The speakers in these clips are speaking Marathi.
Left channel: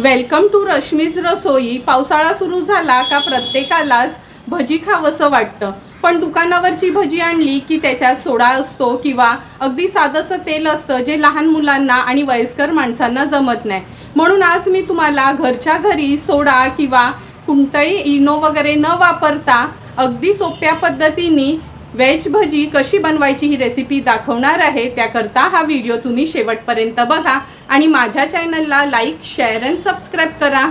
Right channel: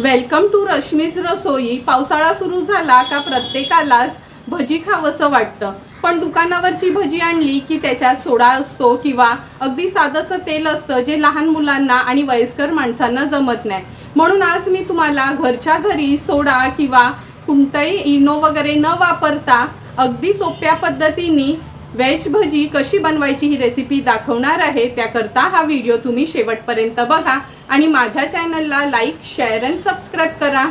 वेलकम टू रश्मीज रसोई. पावसाळा सुरू झाला का प्रत्येकालाच भजी खावंसं वाटतं. पण दुकानावरची भजी आणली की त्याच्यात सोडा असतो किंवा अगदी साधंसं तेल असतं जे लहान मुलांना आणि वयस्कर माणसांना जमत नाही. म्हणून आज मी तुम्हाला घरच्या घरी सोडा किंवा कोणतंही इनो वगैरे न वापरता अगदी सोप्या पद्धतीने व्हेज भजी कशी बनवायची ही रेसिपी दाखवणार आहे त्याकरता हा व्हिडिओ तुम्ही शेवटपर्यंत बघा आणि माझ्या चॅनलला लाईक शेअर अँड सबस्क्राईब करा.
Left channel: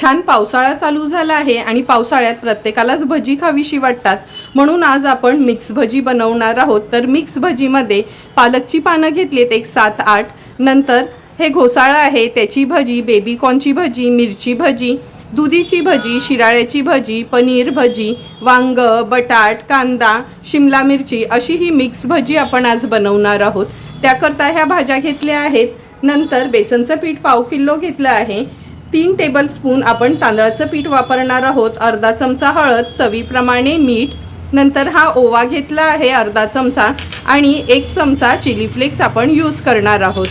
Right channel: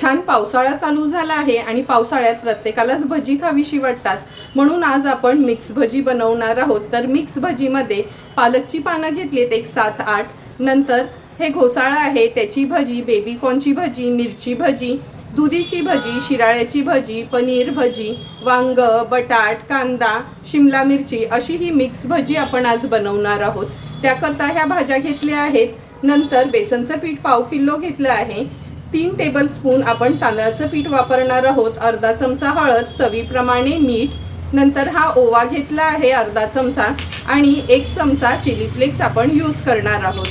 छान पावसाळा चालू झाला आहे आणि पावसाळ्यात प्रत्येकालाच भजी खावीशी वाटतात. म्हणून आज आपण मिक्स भजी बनवणार आहोत. तर मिक्स भजीमध्ये पालकची पानं घेतलीत एक सात आठ. नंतर हे घोसाळं आहे त्याची भजी बेबी कॉर्नची भजी मिरची भजी. दुधीची भजी शिराळ्याची भजी पनीर भजी वांग बटाट कांदा शिमला मिरची अशी ही मिक्स भजी आपण आज बनवणार आहोत. त्याकरता ह्या भाज्या घेतल्या आहेत. नंतर बेसनचं पीठ पाव किलो घेतलं आहे. तीन टेबलस्पून आपण तांदळाचं पीठ वापरणार आहोत. अर्धा चमचा हळद चवीप्रमाणे मीठ. नंतर हा ओवा घेतला आहे अर्धा चमचा. आणि एक चमचा चिली फ्लेक्स आपण यूज करणार आहोत.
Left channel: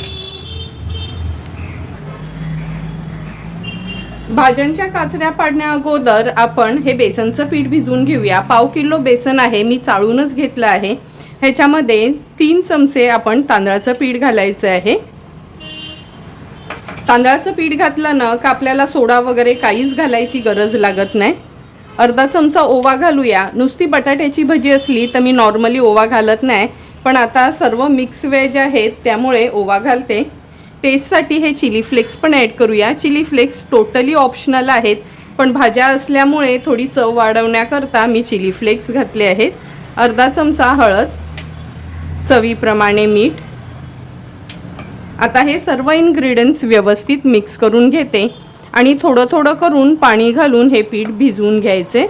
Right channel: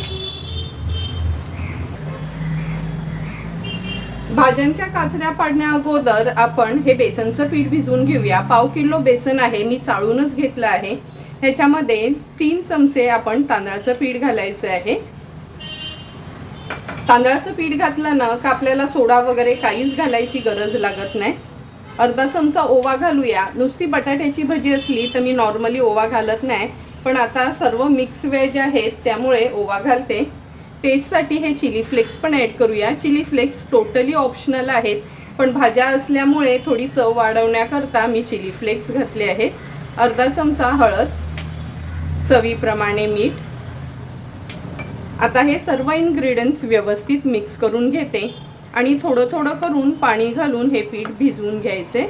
भाज्यांच्या काचऱ्या पाडण्या अगोदर आपण हे बेसनचं पीठ भिजवून घेऊया. पाव किलो बेसन आहे मी चाळूनच घेतलं आहे. ह्याच्यामध्ये तीन चमचे आपण तांदळाचं पीठ घालायचं आहे. तांदळाचं पीठ घातलं ना का आपल्याला सोडा वगैरे काहीच घालायची गरज लागत नाही. अर्धा चमचा ओवा घालूया. नुसती बटाट्याची भजी असली तर मी नॉर्मली ओवा घालत नाही पण आता सर्व मिक्स व्हेज आहेत त्यामुळे ओवा घालते. टेस्टसाठी हे चिली फ्लेक्स पण ॲड करूया. चिली फ्लेक्स टोटली ऑप्शनल आहेत. पण भाज्या असल्यामुळे थोडी चव वाढवण्याकरता मी चिली फ्लेक्स घातले आहेत. अर्धा चमचा हळद चवीप्रमाणे मीठ. आता हे सर्व इन्ग्रेडियंट्स व्यवस्थित मिक्स करून घेते. आणि थोडं थोडं करून पाणी घालून हे पीठ भिजवून घ्यायचे.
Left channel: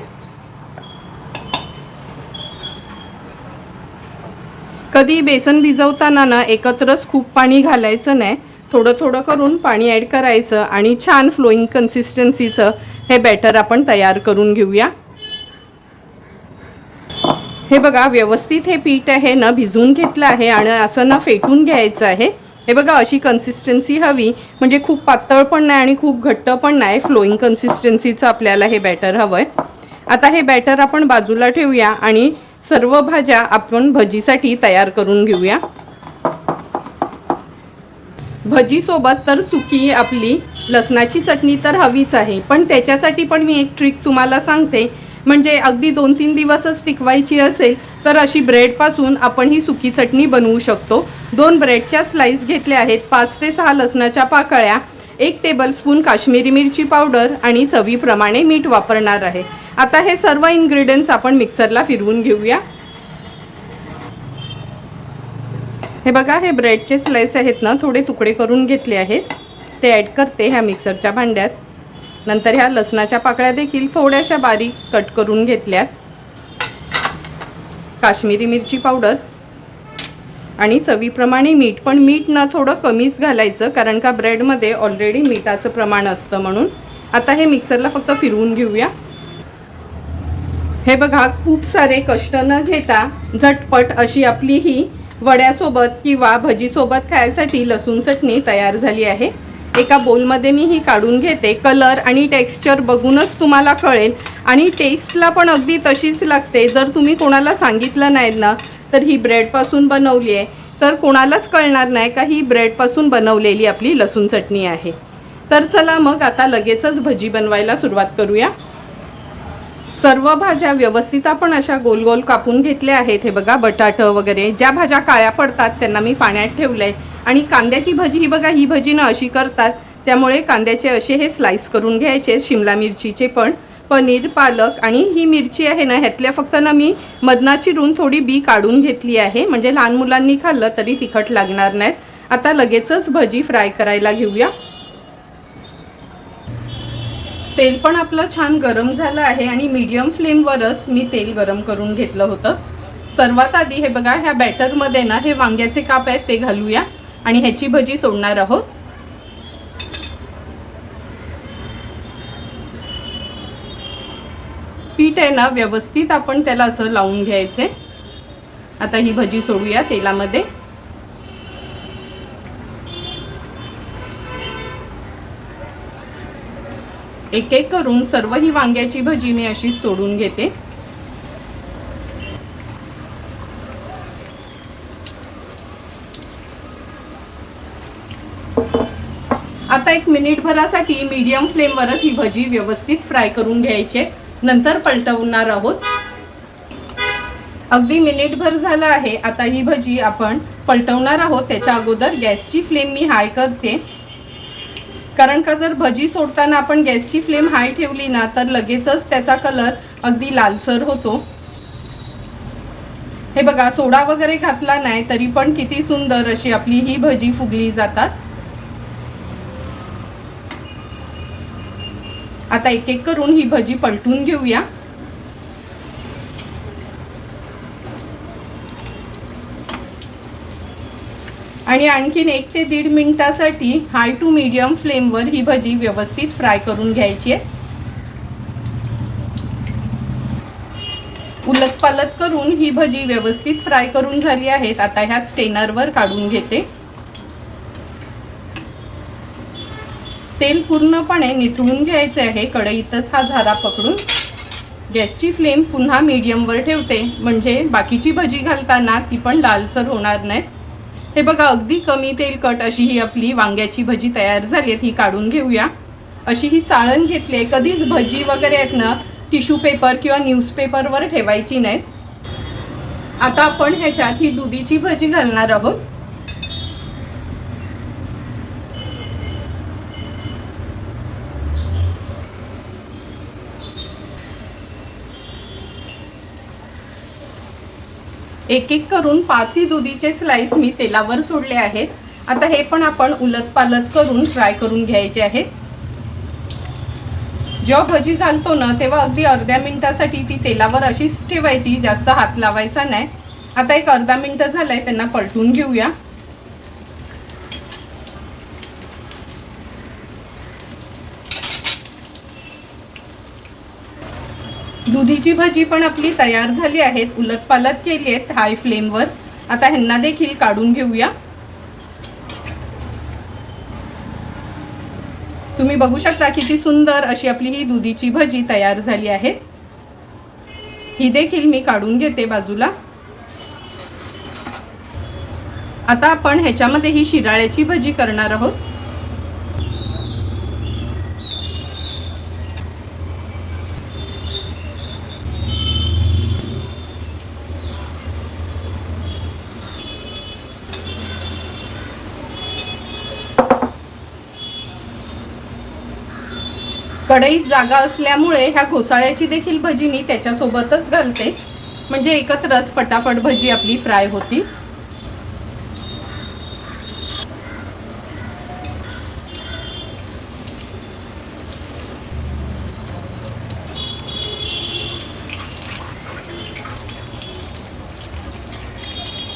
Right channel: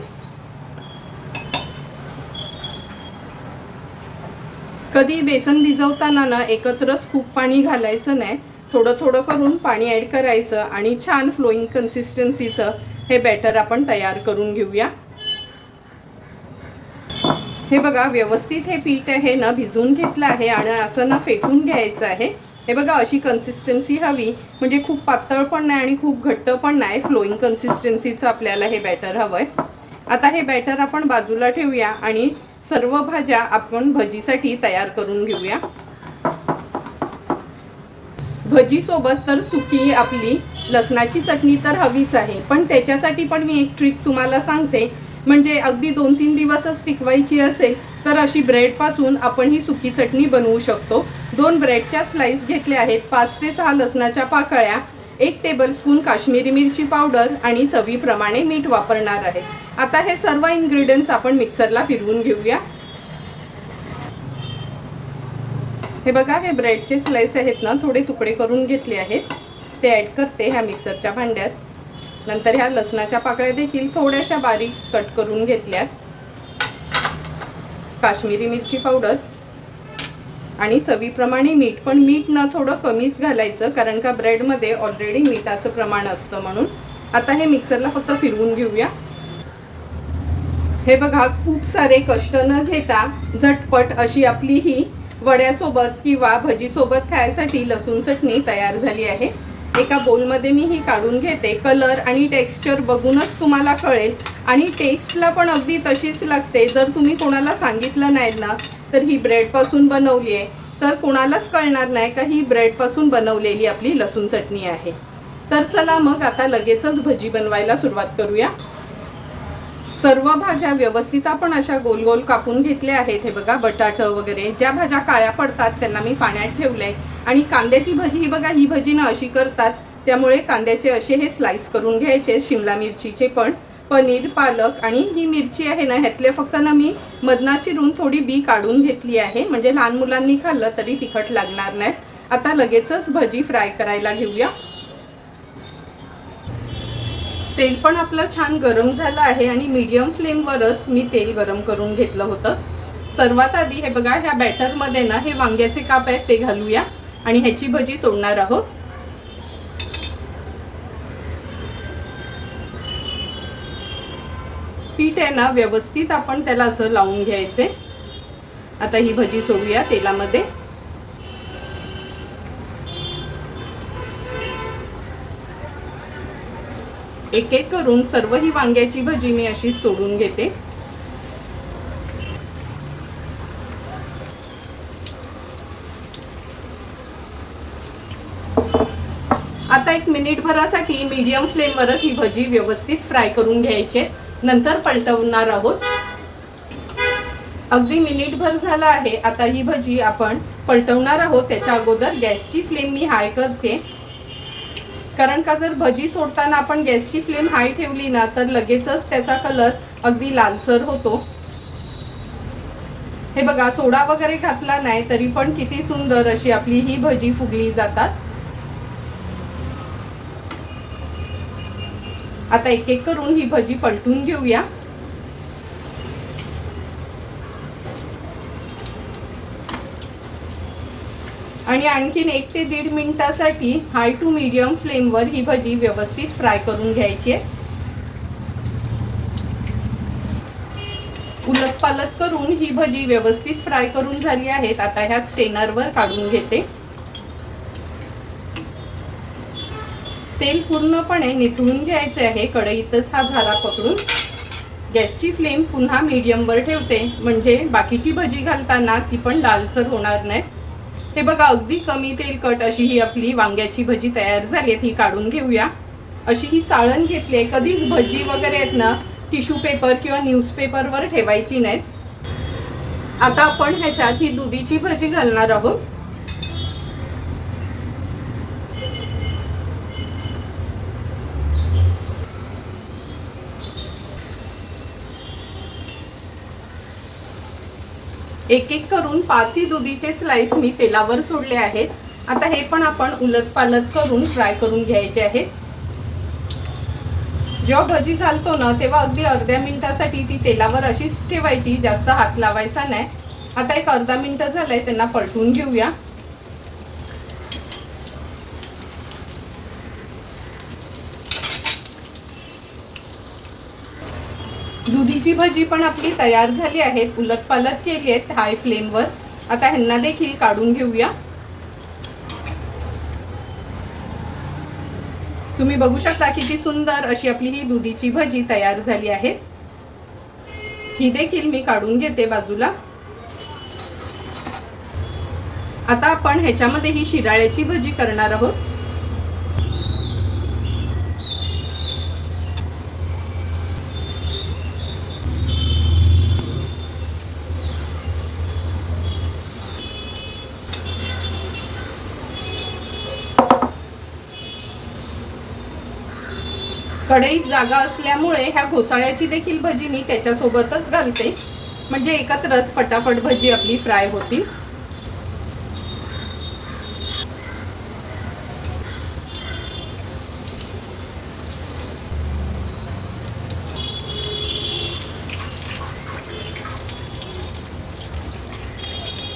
कधी बेसन भिजवताना ना एकत्रच खूप पाणी घालायचं नाही. थोडं थोडं करून पाणी ॲड करायचं आणि छान फ्लोईंग कन्सिस्टन्सीचं हे बॅटर आपण तयार करून घेऊया. हे बघा व्यवस्थित हे पीठ आहे ना भिजवून घेतलं आहे आणि असं ना फेटून घ्यायचं आहे. हे बघा अशी कन्सिस्टन्सी हवी. म्हणजे खूप पातळ पण नाही आणि खूप घट्ट पण नाही फ्लोईंग कन्सिस्टन्सीचं आपल्याला हे बॅटर हवं आहे आता हे बॅटर आपण बाजूला ठेवूया आणि सर्व भाज्या आपण भजीसाठी तयार करून घेऊया. भजीसोबत तर सुकी आपली लसणाची चटणी तर हवीच आहे. पण त्याच्यासाठी पण मी एक ट्रिक तुम्हाला सांगते. म्हणजे अगदी दोन तीन दिवसच टिकवायची असेल तर अशी ब्रेडपासून आपण ही सुकी चटणी बनवू शकतो. दोन ब्रेडच्या स्लाइस घेतल्या आहेत पाच ते सहा लसणाच्या पाकळ्या एक टेबलस्पून काश्मीरी मिरची पावडर आणि चवीप्रमाणे मीठ वापरणार आहे. आता हे सर्व इन्ग्रेडियंट्स आपण मिक्सरला फिरवून घेऊया. हे बघा हे ब्रेडचे स्लाइस आहेत ना थोडे तुकडे करून घेतले आहेत. ते ॲड करते ह्या मिक्सरच्या भांड्यात. नंतर ह्या लसणाच्या पाकळ्या देखील थोड्याशा बारीक कट करून घेतल्यात. काश्मीरी मिरची पावडर आणि चवीप्रमाणे मीठ पण मीठ ना थोडं कमीच घालायचं कारण का ब्रेडमध्ये ऑलरेडी मिठाचं प्रमाण असतं म्हणून. आता हे मिक्सरला फक्त फिरवून घेऊया. हे बघा खूप सारे कष्ट न घेता झटपट अशी आपली ही वड्यासोबत किंवा भजीसोबत खायसाठी लसूण चटणी तयार झाली आहे. एका बोलमध्ये मी ही काढून घेते. कलर आणि टेक्स्चर बघूनच तुम्हाला कळेल. आणि टेस्टला पण अगदी तशीच लागते. जर तुम्ही कोणाला सांगितलं नाही ना तर ही ब्रेडपासून बनवली आहे. तर कोणालाच कळणार नाही का ही ब्रेडपासून बनवलेली आपली लसूण चटणी आहे. तर चला मग आता लगेचच भजी बनवायला सुरुवात करूया. सर्व भाज्या व्यवस्थित आपण अशा गोल गोल कापून घेतल्या आहेत. हे बघा बटाटं वगैरे. ज्या भाज्या काळ्या पडतात त्यांना मी पाण्यात ठेवलंय. आणि कांद्याची भजी ही बघा ही भजी ना अशी करतात. त्यामुळे कांद्याचे असे हे स्लाइस करून घ्यायचे शिमला मिरचीचे पण. पनीर पालक आणि ही मिरची आहे ना ह्यातल्या फक्त ना मी मधना चिरून थोडी बी काढून घेतली आहे. म्हणजे लहान मुलांनी खाल्लं तरी तिखट लागणार नाहीत. आता लगेचच भजी फ्राय करायला घेऊया. तेल पण आपलं छान गरम झालं आहे आणि मीडियम फ्लेमवरच मी तेल गरम करून घेतलं होतं. सर्वात आधी हे बघा ह्या बॅटरमध्ये ना हे वांग्याचे काप आहेत ते घालूया. आणि ह्याची भजी सोडणार आहोत. पीठ आहे ना व्यवस्थित आपण त्याला असं लावून घ्यायचे. आता ही भजी सोडूया तेलामध्ये. एक एक करून सर्व ही वांग्याची भजी मी अशी सोडून घेते. आता एक मिनिटभरासाठी मीडियम फ्लेमवरच ही भजी व्यवस्थित फ्राय करून घ्यायची नंतर पलटवणार आहोत. अगदी मिनिटभर झालं आहे. आता ही भजी आपण पलटवणार आहोत. त्याच्या अगोदर गॅसची फ्लेम मी हाय करते. कारण का जर भजी सोडताना आपण गॅसची फ्लेम हाय ठेवली ना तर लगेचच त्याचा कलर अगदी लालसर होतो. हे बघा सोडा वगैरे घातला नाही तरी पण किती सुंदर अशी आपली ही भजी फुगली जातात. आता एक एक करून ही भजी पलटून घेऊया. आणि आणखीन एक ते दीड मिनिटासाठी हाय टू मीडियम फ्लेमवर ही भजी व्यवस्थित फ्राय करून घ्यायची आहे. उलट पालत करून ही भजी व्यवस्थित फ्राय करून झाली आहेत आता ह्या स्टेनरवर काढून घेते. तेल पूर्णपणे निथळून घ्यायचे आहे. कढईतच हा झारा पकडून गॅसची फ्लेम पुन्हा मीडियमवर ठेवते. म्हणजे बाकीची भजी घालताना ती पण लालसर होणार नाही. हे बघा अगदी कमी तेलकट अशी ही आपली वांग्याची भजी तयार झाली आहे ही काढून घेऊया. अशी ही चाळण घेतली आहे. कधीच भजी वगैरे आहेत ना टिश्यू पेपर किंवा न्यूजपेपरवर ठेवायची नाहीत. आता आपण ह्याच्यात ही दुधीची भजी घालणार आहोत. एक एक करून पाचही दुधीचे स्लाइस मी तेलावर सोडले आहेत. आता हे पण आपण उलट पालट करून फ्राय करून घ्यायचे आहेत. जेव्हा भजी घालतो ना तेव्हा अगदी अर्ध्या मिनिटासाठी ती तेलावर अशीच ठेवायची जास्त हात लावायचा नाही. आता एक अर्धा मिनिट झालंय त्यांना पलटून घेऊया. दुधीची भजी पण आपली तयार झाली आहेत उलट पालट केली आहेत हाय फ्लेमवर आता ह्यांना देखील काढून घेऊया. तुम्ही बघू शकता किती सुंदर अशी आपली ही दुधीची भजी तयार झाली आहे. ही देखील मी काढून घेते बाजूला. आता आपण ह्याच्यामध्ये ही शिराळ्याची भजी करणार आहोत. कढईत जागा असल्यामुळे ह्या घोसाळ्याची देखील भजी मी त्याच्यासोबतच घालते. म्हणजे एकत्रच फटाफट भजी आपली फ्राय होती.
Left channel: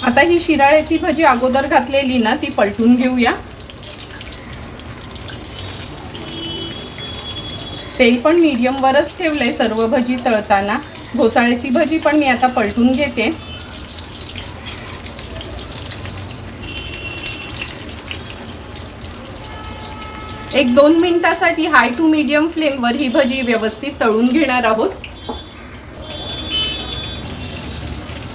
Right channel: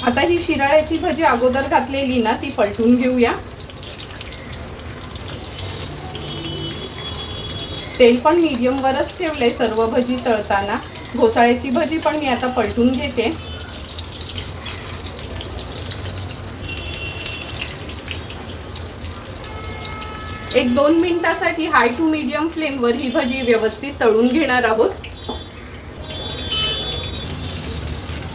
आता ही शिराळ्याची भजी अगोदर घातलेली ना ती पलटून घेऊया. तेल पण मीडियमवरच ठेवलंय सर्व भजी तळताना. घोसाळ्याची भजी पण मी आता पलटून घेते. एक दोन मिनिटासाठी हाय टू मीडियम फ्लेमवर ही भजी व्यवस्थित तळून घेणार आहोत.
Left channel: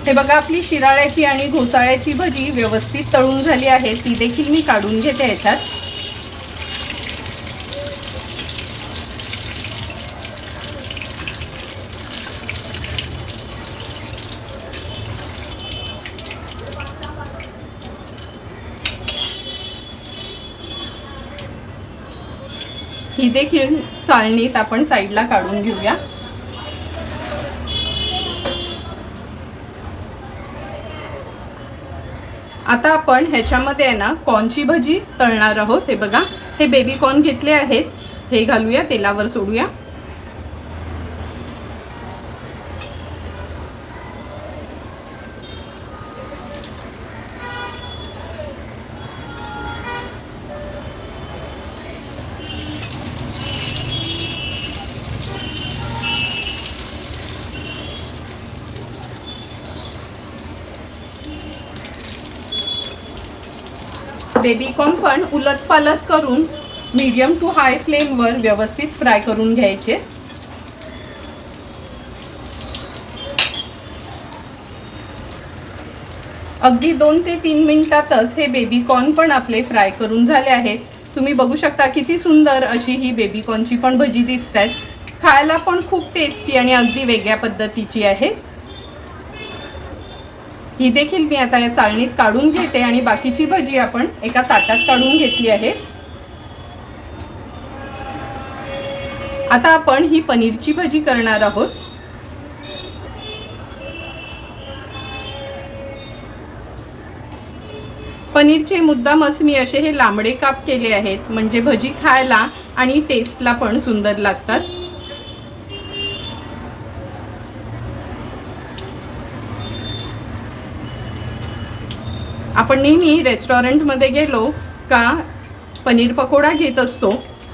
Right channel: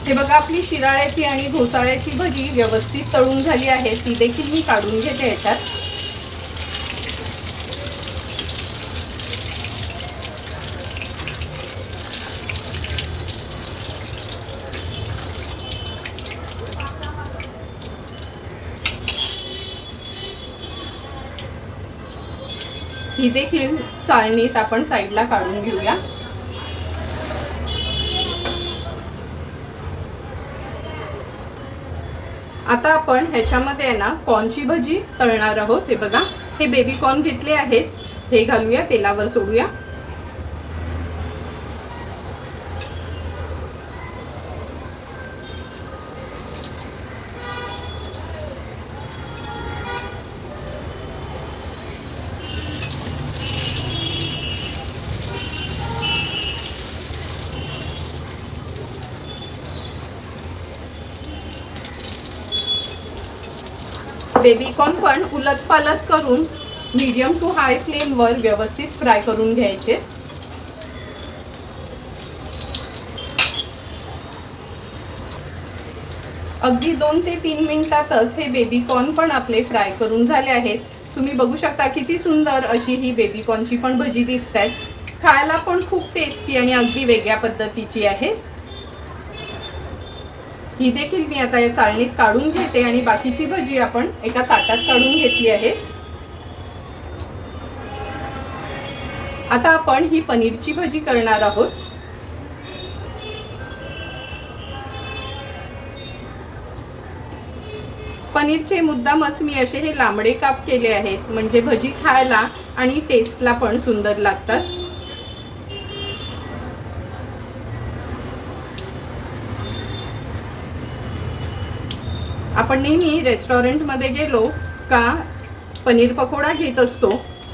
हे बघा आपली शिराळ्याची आणि घोसाळ्याची भजी व्यवस्थित तळून झाली आहे. ती देखील मी काढून घेते ह्याच्यात ही देखील चाळणीत आपण साईडला काढून घेऊया. आता आपण ह्याच्यामध्ये आहे ना कॉर्नची भजी तळणार आहोत. हे बघा हे बेबी कॉर्न घेतले आहेत. हे घालूया तेलावर सोडूया. बेबीकॉर्न पण उलट करून मीडियम टू हाय फ्लेमवर व्यवस्थित फ्राय करून घ्यायचे. अगदी दोन ते तीन मिनिटातच हे बेबीकॉर्न पण आपले फ्राय करून झाले आहेत. तुम्ही बघू शकता किती सुंदर अशी ही बेबीकॉर्नची पण भजी दिसत आहेत खायला पण खूप टेस्टी आणि अगदी वेगळ्या पद्धतीची आहे. ही देखील मी आता या चाळणीत काढून घेते आणि बाकीची भजी आपण एका ताटात काढून घेतली आहे. आता आपण ही पनीरची भजी करणार आहोत. पनीरचे मुद्दामच मी असे हे लांबडे काप केले आहेत म्हणजे भजी खायला आणि टेस्टला पण सुंदर लागतात. आपण नेहमी रेस्टॉरंटमध्ये गेलो का पनीर पकोडा घेत असतो.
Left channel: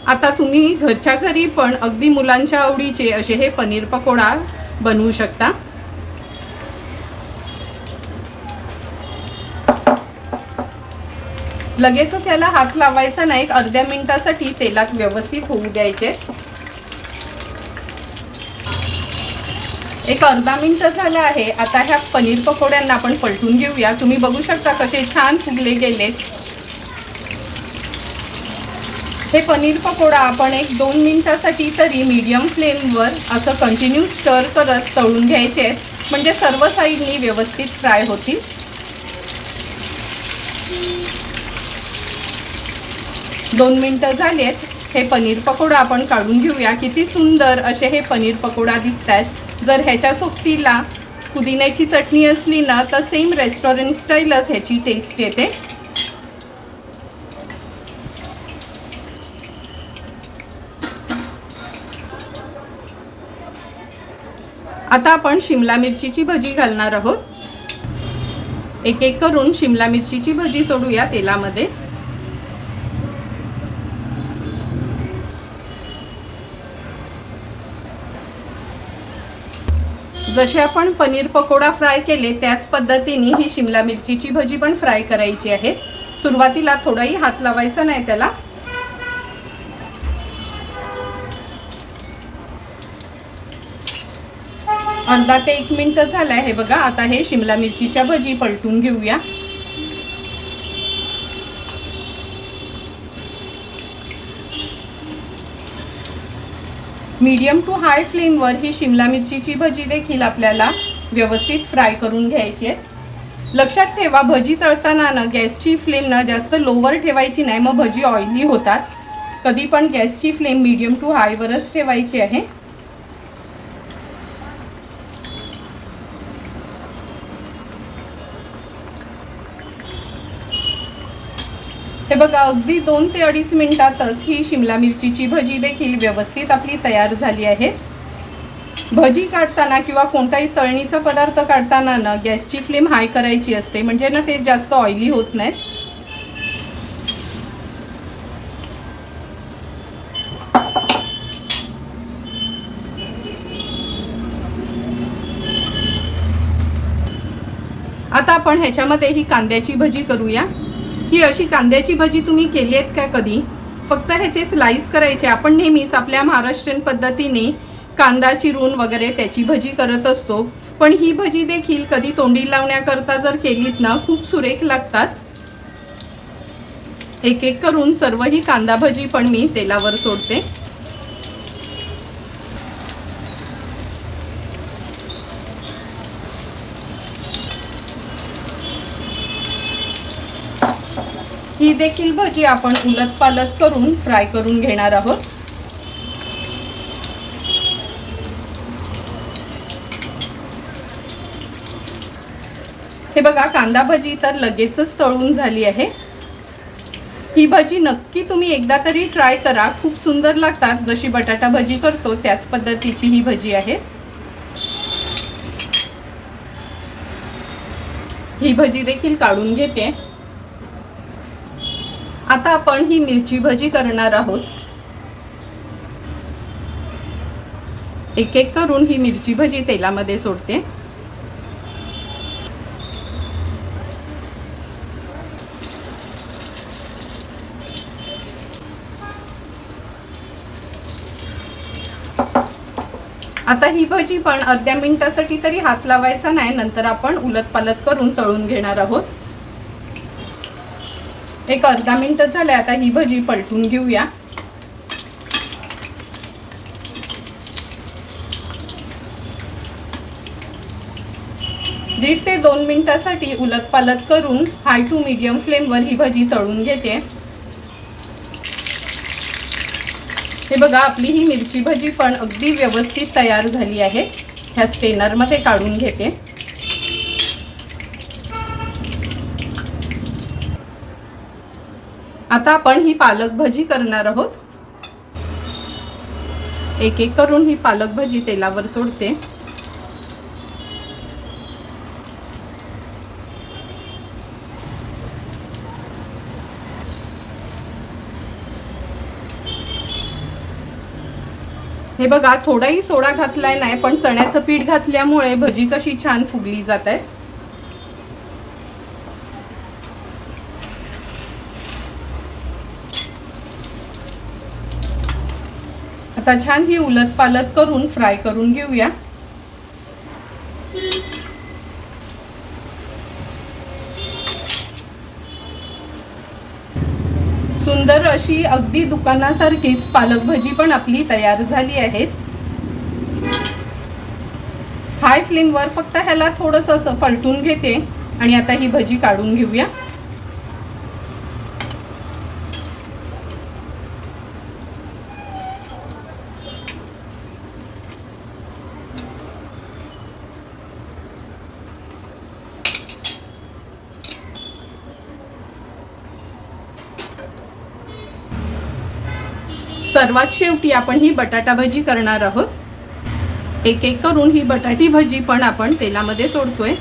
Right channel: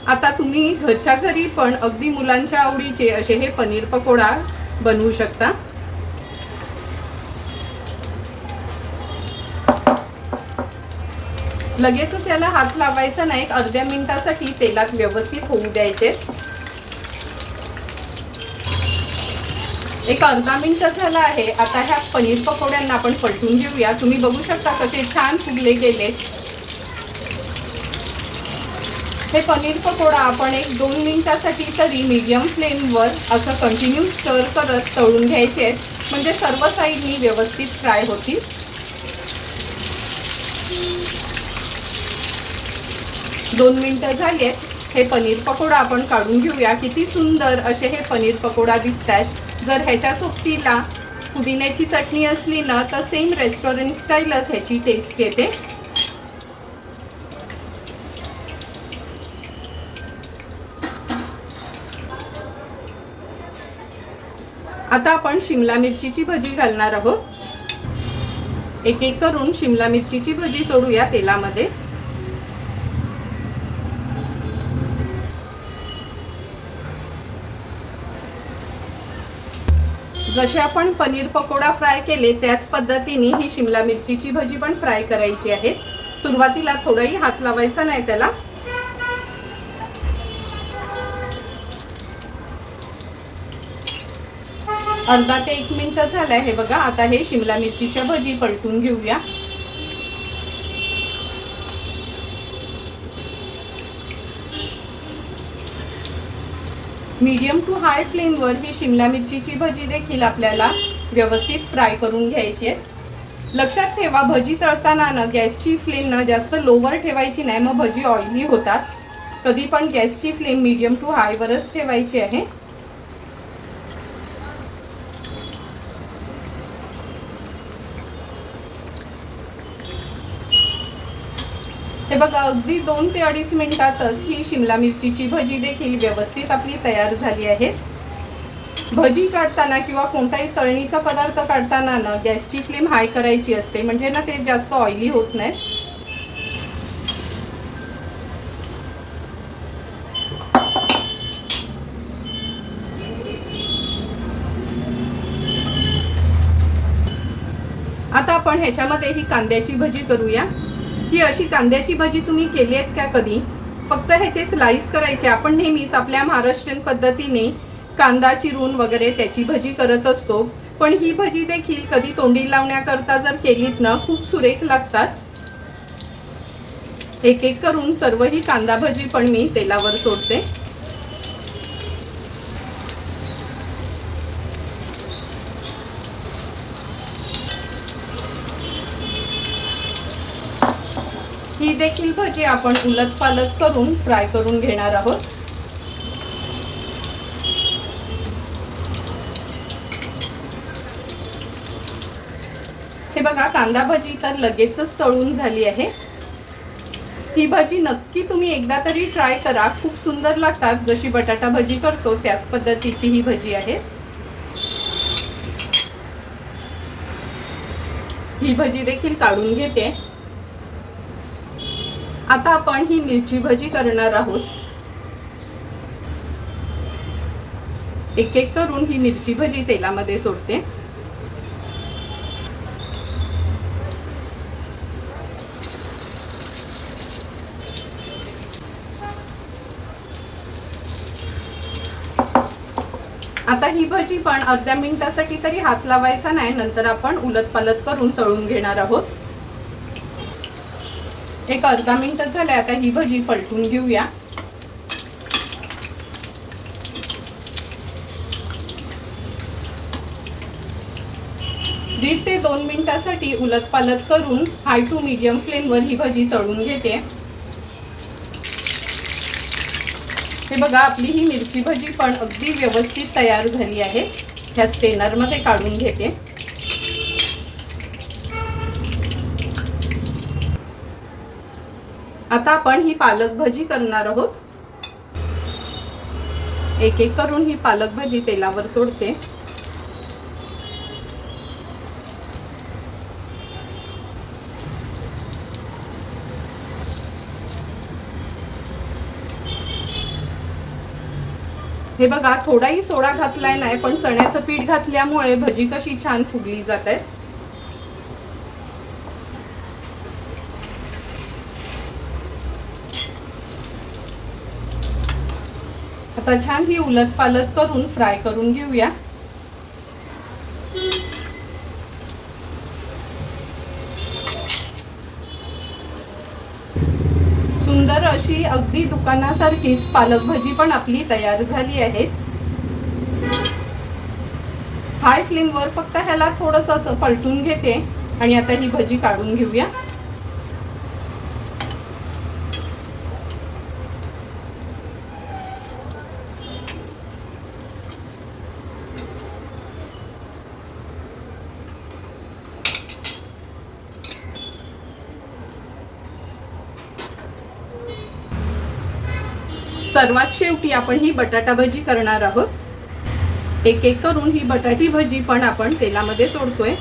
आता तुम्ही घरच्या घरी पण अगदी मुलांच्या आवडीचे असे हे पनीर पकोडा बनवू शकता. लगेचच याला हात लावायचा नाही एक अर्ध्या मिनिटासाठी तेलात व्यवस्थित होऊ द्यायचे. एक अर्धा मिनटं झाला आहे. आता ह्या पनीर पकोड्यांना आपण पलटून घेऊया. तुम्ही बघू शकता कसे छान फुगले गेले हे पनीर पकोडा आपण एक दोन मिनटासाठी तरी मीडियम फ्लेमवर असं कंटिन्यू स्टर करत तळून घ्यायचे. म्हणजे सर्व साईडनी व्यवस्थित फ्राय होतील. दोन मिनटं झालेत. हे पनीर पकोडा आपण काढून घेऊया. किती सुंदर असे हे पनीर पकोडा दिसत आहेत जर ह्याच्या सोबतीला पुदिन्याची चटणी असली ना तर सेम रेस्टॉरंट स्टाईलच ह्याची टेस्ट येते. आता आपण शिमला मिरचीची भजी घालणार आहोत. एक एक करून शिमला मिरचीची भजी सोडूया तेलामध्ये. जसे आपण पनीर पकोडा फ्राय केले त्याच पद्धतीने ही शिमला मिरचीची भजी पण फ्राय करायची आहे. सुरुवातीला थोडाही हात लावायचा नाही त्याला. अर्धा ते एक मिनिट झालं आहे बघा. आता हे शिमला मिरचीच्या भजी पलटून घेऊया. मीडियम टू हाय फ्लेमवर ही शिमला मिरचीची भजी देखील आपल्याला व्यवस्थित फ्राय करून घ्यायची आहे. लक्षात ठेवा भजी तळताना ना गॅसची फ्लेम ना जास्त लोवर ठेवायची नाही मग भजी ऑइली होतात. कधी पण गॅसची फ्लेम मीडियम टू हायवरच ठेवायची आहे. हे बघा अगदी दोन ते अडीच मिनिटातच ही शिमला मिरचीची भजी देखील व्यवस्थित आपली तयार झाली आहे. भजी काढताना किंवा कोणताही तळणीचा पदार्थ काढताना ना गॅसची फ्लेम हाय करायची असते म्हणजे ना ते जास्त ऑइली होत नाहीत आता आपण ह्याच्यामध्ये ही कांद्याची भजी करूया. ही अशी कांद्याची भजी तुम्ही केली आहेत का कधी? फक्त ह्याचे स्लाईस करायचे. आपण नेहमीच आपल्या महाराष्ट्रीयन पद्धतीने कांदा चिरून वगैरे त्याची भजी करत असतो. पण ही भजी देखील कधी तोंडी लावण्याकरता जर केलीत ना खूप सुरेख लागतात. एक एक करून सर्व ही कांदा भजी पण मी तेलावर सोडते. ही देखील भजी आपण उलट पालट करून फ्राय करून घेणार आहोत. हे बघा कांदा भजी तर लगेचच तळून झाली आहे. ही भजी नक्की तुम्ही एकदा तरी ट्राय करा. खूप सुंदर लागतात. जशी बटाटा भजी करतो त्याच पद्धतीची ही भजी आहे. ही भजी देखील काढून घेते. आता आपण ही मिरची भजी करणार आहोत. एक एक करून ही मिरची भजी तेलामध्ये सोडते. आता ही भजी पण अर्ध्या मिनिटासाठी तरी हात लावायचा नाही नंतर आपण उलट पालत करून तळून घेणार आहोत. एक अर्धा मिनटं झाले आता ही भजी पलटून घेऊया. दीड ते दोन मिनिटासाठी उलट पालत करून हाय टू मीडियम फ्लेमवर ही भजी तळून घेते. हे बघा आपली ही मिरची भजी पण अगदी व्यवस्थित तयार झाली आहे. ह्या स्टेनरमध्ये काढून घेते आता आपण ही पालक भजी करणार आहोत. एक एक करून ही पालक भजी तेलावर सोडते. हे बघा थोडाही सोडा घातलाय नाही पण चण्याचं पीठ घातल्यामुळे भजी कशी छान फुगली जात आहे. आता छान ही उलट पालट करून फ्राय करून घेऊया. सुंदर अशी अगदी दुकानासारखीच पालक भजी पण आपली तयार झाली आहे. हाय फ्लेमवर फक्त ह्याला थोडंसं असं पलटून घेते आणि आता ही भजी काढून घेऊया. सर्वात शेवटी आपण ही बटाटा भजी करणार आहोत. एक एक करून ही बटाटी भजी पण आपण तेलामध्ये सोडतोय.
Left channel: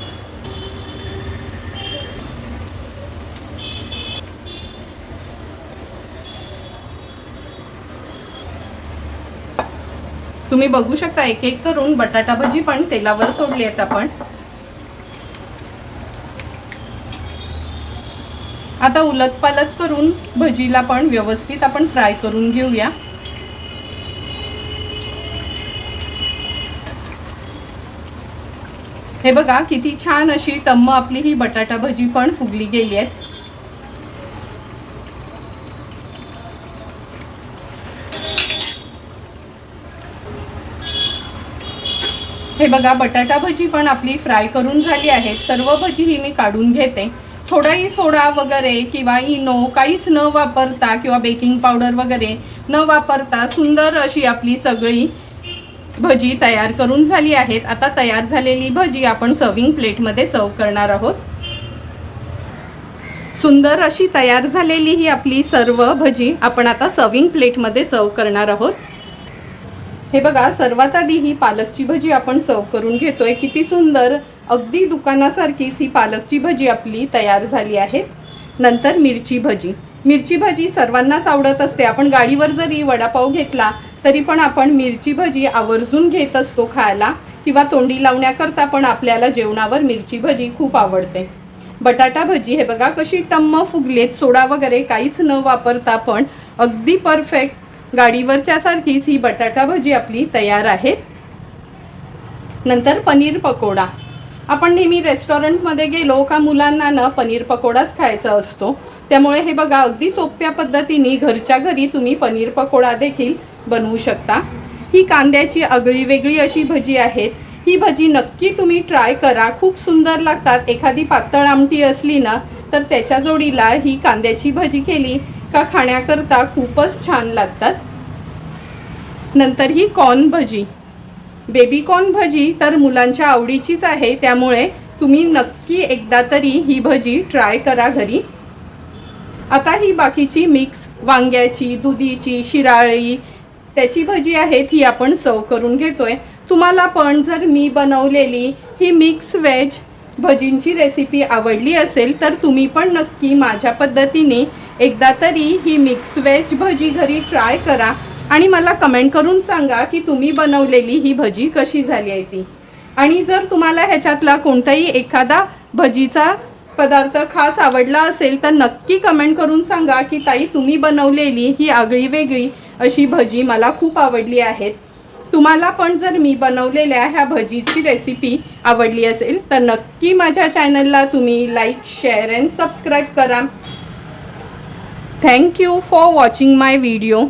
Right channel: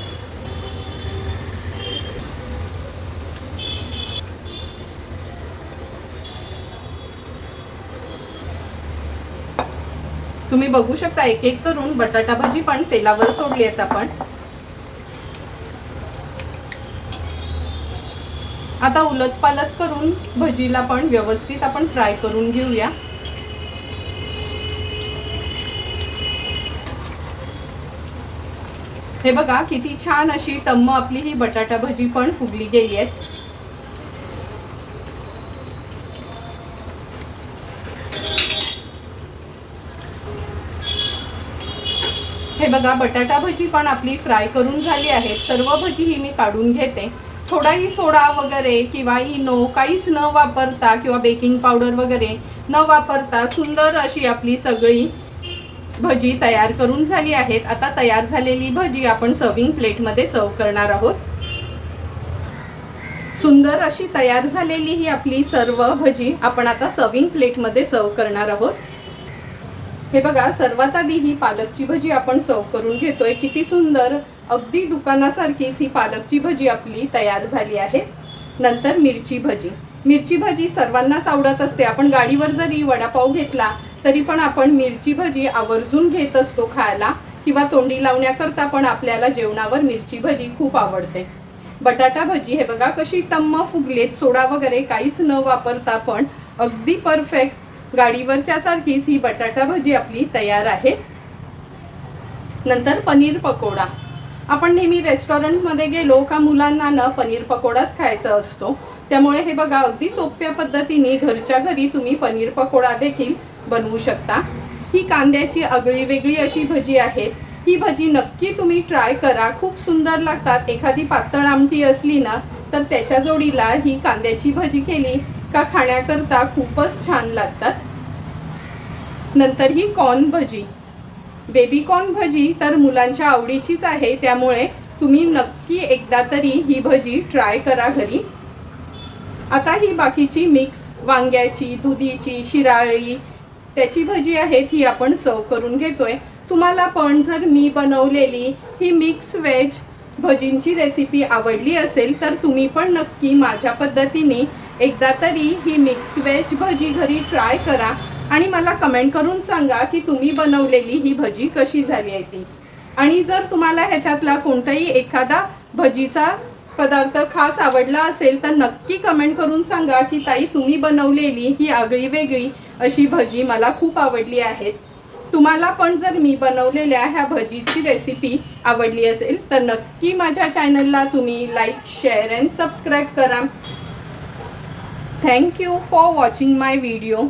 तुम्ही बघू शकता एक एक करून बटाटा भजी पण तेलावर सोडली आहेत आपण. आता उलट पालत करून भजीला पण व्यवस्थित आपण फ्राय करून घेऊया. हे बघा किती छान अशी टम्म आपली ही बटाटा भजी पण फुगली गेली आहे हे बघा बटाटा भजी पण आपली फ्राय करून झाली आहे सर्व भजी ही मी काढून घेते. थोडाही सोडा वगैरे किंवा इनो काहीच न वापरता किंवा बेकिंग पावडर वगैरे न वापरता सुंदर अशी आपली सगळी भजी तयार करून झाली आहेत. आता तयार झालेली भजी आपण सर्विंग प्लेटमध्ये सर्व करणार आहोत. सुंदर अशी तयार झालेली ही आपली सर्व भजी आपण आता सर्विंग प्लेटमध्ये सर्व करणार आहोत. हे बघा सर्वात आधी ही पालकची भजी आपण सर्व करून घेतोय. किती सुंदर अगदी दुकानासारखीच ही पालकची भजी आपली तयार झाली आहे. नंतर मिरची भजी. मिरची भजी सर्वांनाच आवडत असते. आपण गाडीवर जरी वडापाव घेतला तरी पण आपण मिरची भजी आवर्जून घेत असतो खायला किंवा तोंडी लावण्याकरता पण आपल्याला जेवणावर मिरची भजी खूप आवडते. बटाटा भजी हे बघा कशी टम्म फुगलेत सोडा वगैरे काहीच न वापरता पण अगदी परफेक्ट गाडीवरच्या सारखीच ही बटाटा भजी आपली तयार आहे. नंतर पनीर पकोडा. आपण नेहमी रेस्टॉरंटमध्ये गेलो का मुलांना ना पनीर पकोडाच खायचा असतो. त्यामुळे हे बघा अगदी सोप्या पद्धतीने घरच्या घरी तुम्ही पनीर पकोडा देखील बनवू शकता. ही कांद्याची आगळी वेगळी अशी भजी आहेत. ही भजी नक्की तुम्ही ट्राय करा. खूप सुंदर लागतात. एखादी पातळ आमटी असली ना तर त्याच्या जोडीला ही कांद्याची भजी केली का खाण्याकरता खूपच छान लागतात. नंतर ही कॉर्न भजी. बेबी कॉर्न भजी तर मुलांच्या आवडीचीच आहे. त्यामुळे तुम्ही नक्की एकदा तरी ही भजी ट्राय करा घरी. आता ही बाकीची मिक्स वांग्याची दुधीची शिराळी त्याची भजी आहेत ही आपण सर्व करून घेतोय. तुम्हाला पण जर मी बनवलेली ही मिक्स व्हेज भजींची रेसिपी आवडली असेल तर तुम्ही पण नक्की माझ्या पद्धतीने एकदा तरी ही मिक्स व्हेज भजी घरी ट्राय करा आणि मला कमेंट करून सांगा की तुम्ही बनवलेली ही भजी कशी झाली आहे ती. आणि जर तुम्हाला ह्याच्यातला कोणताही एखादा भजीचा पदार्थ खास आवडला असेल तर नक्की कमेंट करून सांगा की ताई तुम्ही बनवलेली ही आगळी वेगळी अशी भजी मला खूप आवडली आहेत. तुम्हाला पण जर मी बनवलेल्या ह्या भजीची रेसिपी आवडली असेल तर नक्की माझ्या चॅनलला तुम्ही लाईक शेअर अँड सबस्क्राईब करा. Thank you for watching my video